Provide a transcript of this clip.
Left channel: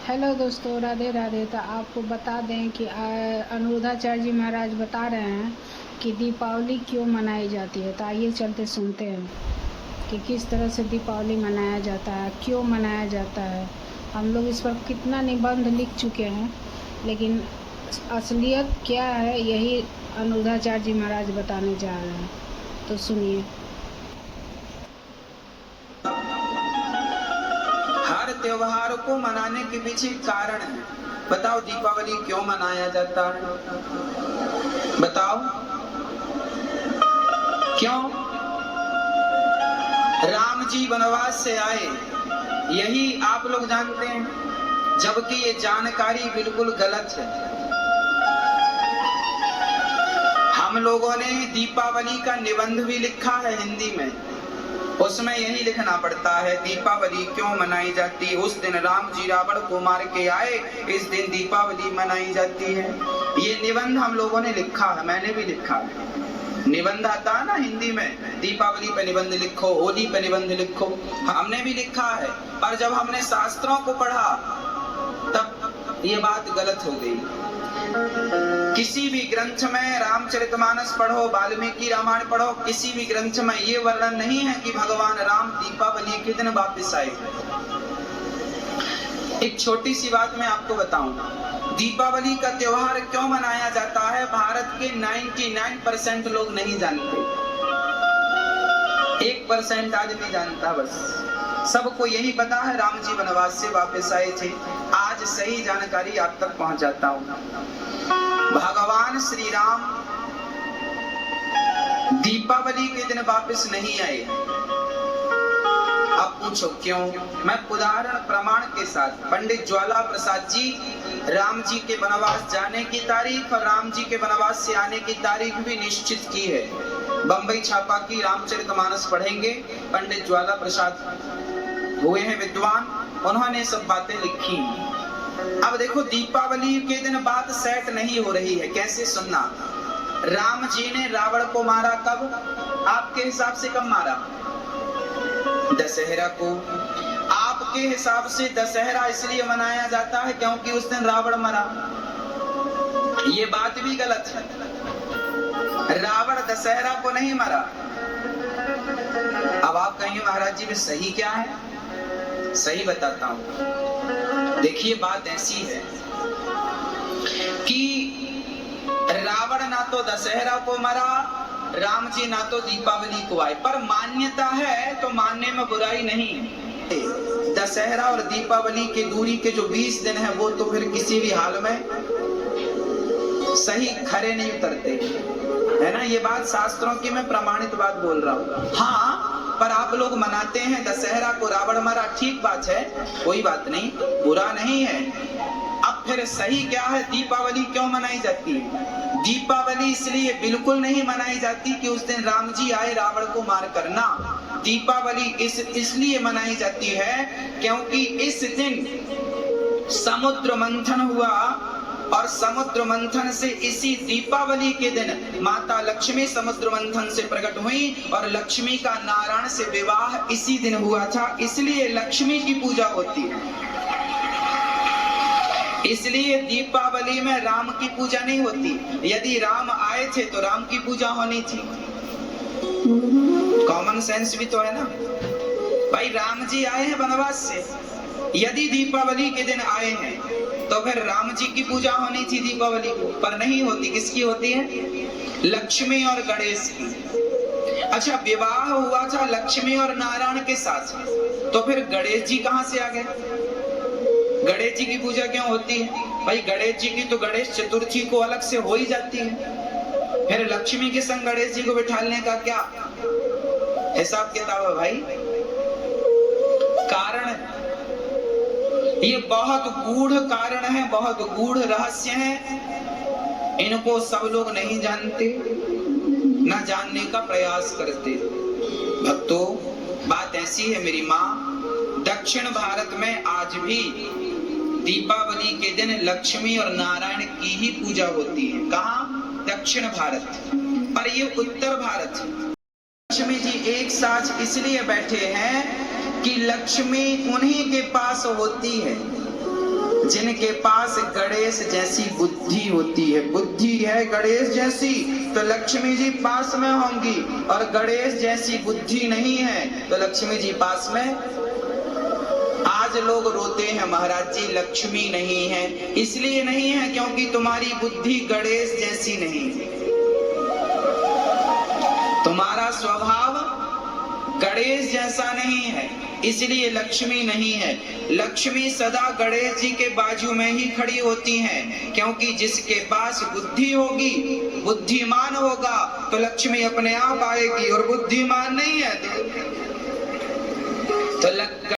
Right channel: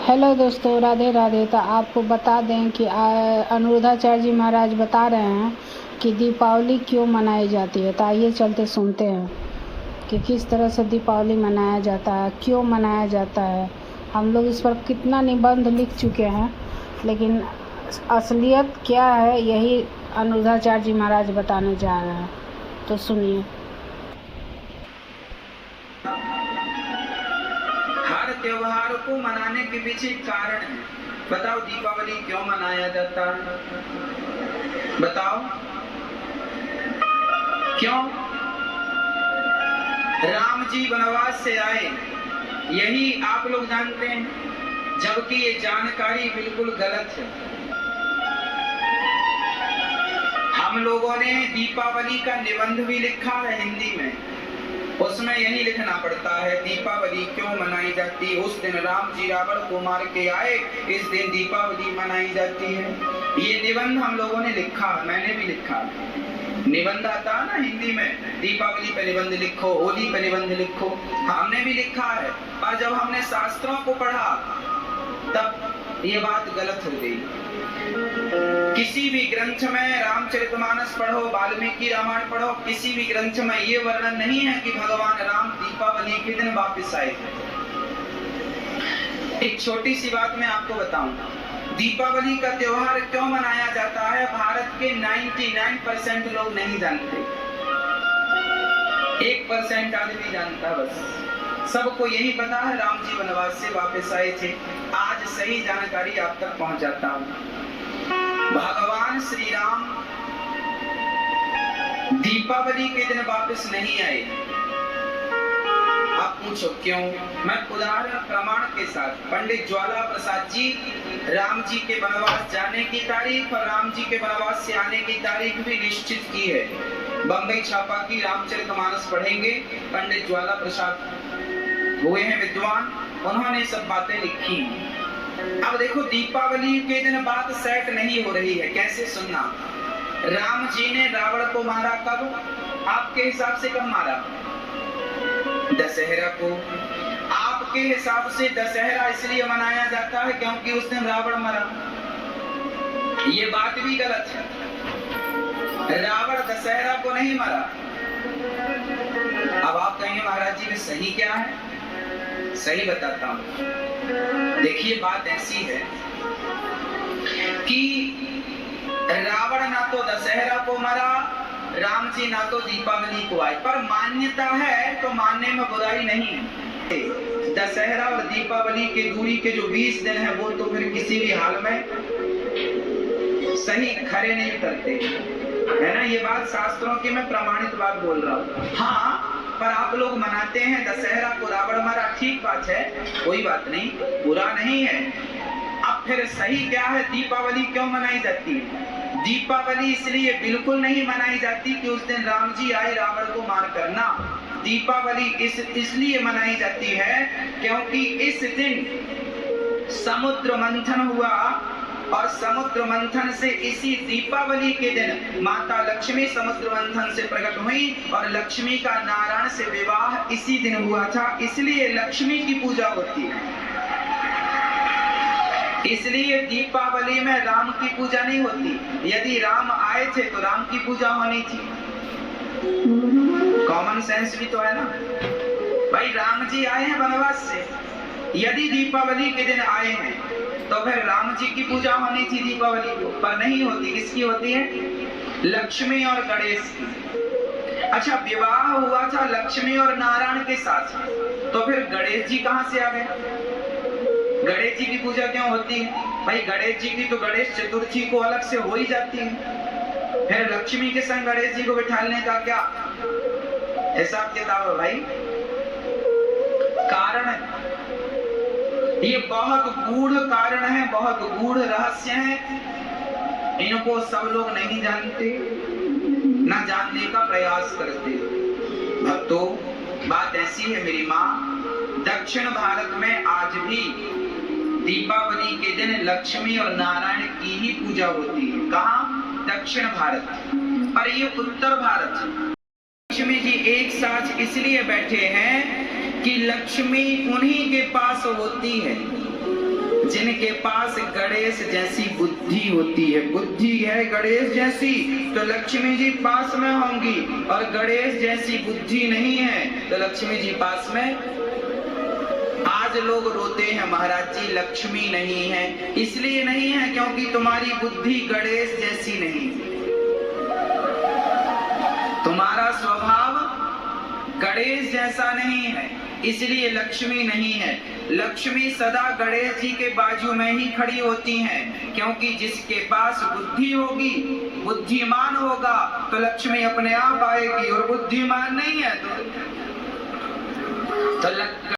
Hello दोस्तों, राधे राधे। तो आपको बता दें कि अनिरुद्धाचार्य जी महाराज बता रहे हैं कि दीपावली क्यों मनाई जाती है। तो आइए चलते सुनते हैं कि किस तरह से दीपावली मनाया जाता है, क्यों मनाया जाता है। हम लोग इस पर कितना निबंध लिख चुके हैं, लेकिन असलियत क्या है यही अनिरुद्धाचार्य जी महाराज बताने जा रहे हैं। तो सुनिए। हर त्योहार को मनाने के पीछे कारण है। बताओ दीपावली क्यों मनाया जाता है? बताओ क्यों? राम जी वनवास से आए, यही आप लोग जानते हैं, जबकि ये जानकारी बिल्कुल गलत है। हम लोगों ने दीपावली का निबंध भी लिखा है हिंदी में, उसमें यही लिखना पड़ता है दीपावली क्यों मनाई जाती है। उस दिन राम जी रावण को मार के आए, इस दिन दीपावली मनाई जाती है। ये निबंध हम लोगों ने लिखा है, मैंने भी लिखा है। निबंध आता है ना हिंदी में, दीपावली पे निबंध लिखो, होली पे निबंध लिखो, हमने भी लिखा है। पर जब हमने शास्त्रों को पढ़ा तब ये बात गलत हो गई। किसी भी ग्रंथ में रामचरितमानस पढ़ो, वाल्मीकि रामायण पढ़ो, किसी भी ग्रंथ में ये वर्णन नहीं है कि भगवान राम दीपावली के दिन वापस आए। एक छोटी सी बात मैं आपको बताऊं, दीपावली का त्योहार क्यों मनाया जाता है, भारत के 99% लोग नहीं जानते। 1% आदमी जानता, बस। सबको यही पता है राम जी वनवास से वापस आए थे। आज सही जानकारी आप तक पहुंचाता हूं। भगवान श्री राम दीपावली के दिन वापस नहीं आए। आप पूछो क्यों? मैं उदाहरण प्रमाण के साथ, पंडित ज्वाला प्रसाद जी राम जी के वनवास जाने की तारीख और राम जी के वनवास से आने की तारीख भी निश्चित की है। बंबई छापा की रामचरितमानस पढ़ेंगे, पंडित ज्वाला प्रसाद हुए हैं विद्वान, उन्होंने सब बातें लिखी। अब देखो, दीपावली के दिन बात सेट नहीं हो रही है। कैसे? सुनना। राम जी ने रावण को मारा कब? आपके हिसाब से कब मारा? दशहरा को। आपके हिसाब से दशहरा इसलिए मनाया जाता है क्योंकि उस दिन रावण मरा। ये बात भी गलत है। रावण दशहरा को नहीं मरा। अब आप कहेंगे महाराज जी में सही क्या है? सही बताता हूं। देखिए, बात ऐसी है कि रावण ना तो दशहरा को मरा, राम जी ना तो दीपावली को आए, पर मान्यता है तो मानने में बुराई नहीं है। दशहरा और दीपावली की दूरी के जो 20 दिन है वो तो फिर किसी भी हाल में सही खरे नहीं उतरते, है ना। ये बात शास्त्रों की मैं प्रमाणित बात बोल रहा हूँ। हाँ, पर आप लोग मनाते हैं दशहरा को रावण मरा, ठीक बात है, कोई बात नहीं, बुरा नहीं है। अब फिर सही क्या है? दीपावली क्यों मनाई जाती है? दीपावली इसलिए बिल्कुल नहीं मनाई जाती कि उस दिन राम जी आए रावण को मार करना। दीपावली इसलिए मनाई जाती है क्योंकि इस दिन समुद्र मंथन हुआ और समुद्र मंथन से इसी दीपावली के दिन माता लक्ष्मी समुद्र मंथन से प्रकट हुई और लक्ष्मी का नारायण से विवाह इसी दिन हुआ था। इसलिए लक्ष्मी की पूजा होती है। इसलिए दीपावली में राम की पूजा नहीं होती। यदि राम आए थे तो राम की पूजा होनी थी। कॉमन सेंस भी तो है ना भाई। राम जी आए हैं वनवास से, यदि दीपावली के दिन आए हैं तो फिर राम जी की पूजा होनी थी दीपावली को, पर नहीं होती। किसकी होती है? लक्ष्मी और गणेश की। अच्छा, विवाह हुआ था लक्ष्मी और नारायण के साथ, तो फिर गणेश जी कहां से आ गए? गणेश जी की पूजा क्यों होती है भाई? गणेश जी की तो गणेश चतुर्थी को अलग से हो ही जाती है। फिर लक्ष्मी के संग गणेश जी को बिठाने का क्या हिसाब किताब है भाई? कारण है, ये बहुत गूढ़ कारण है, बहुत गूढ़ रहस्य है। इनको सब लोग नहीं जानते, ना जानने का प्रयास करते। भक्तों, बात ऐसी है मेरी माँ, दक्षिण भारत में आज भी दीपावली के दिन लक्ष्मी और नारायण की ही पूजा होती है। कहाँ? दक्षिण भारत। पर ये उत्तर भारत, लक्ष्मी जी एक साथ इसलिए बैठे हैं कि लक्ष्मी उन्हीं के पास होती है। जिनके पास गणेश जैसी बुद्धि होती है, बुद्धि है गणेश जैसी, तो लक्ष्मी जी पास में होंगी, और गणेश जैसी बुद्धि नहीं है तो लक्ष्मी जी पास में। आज लोग रोते हैं महाराज जी लक्ष्मी नहीं है, इसलिए नहीं है क्योंकि तुम्हारी बुद्धि गणेश जैसी नहीं, तुम्हारा स्वभाव गणेश जैसा नहीं है, इसलिए लक्ष्मी नहीं है। लक्ष्मी सदा गणेश जी के बाजू में ही खड़ी होती हैं, क्योंकि जिसके पास बुद्धि होगी, बुद्धिमान होगा, तो लक्ष्मी अपने आप आएगी, और बुद्धिमान नहीं है तो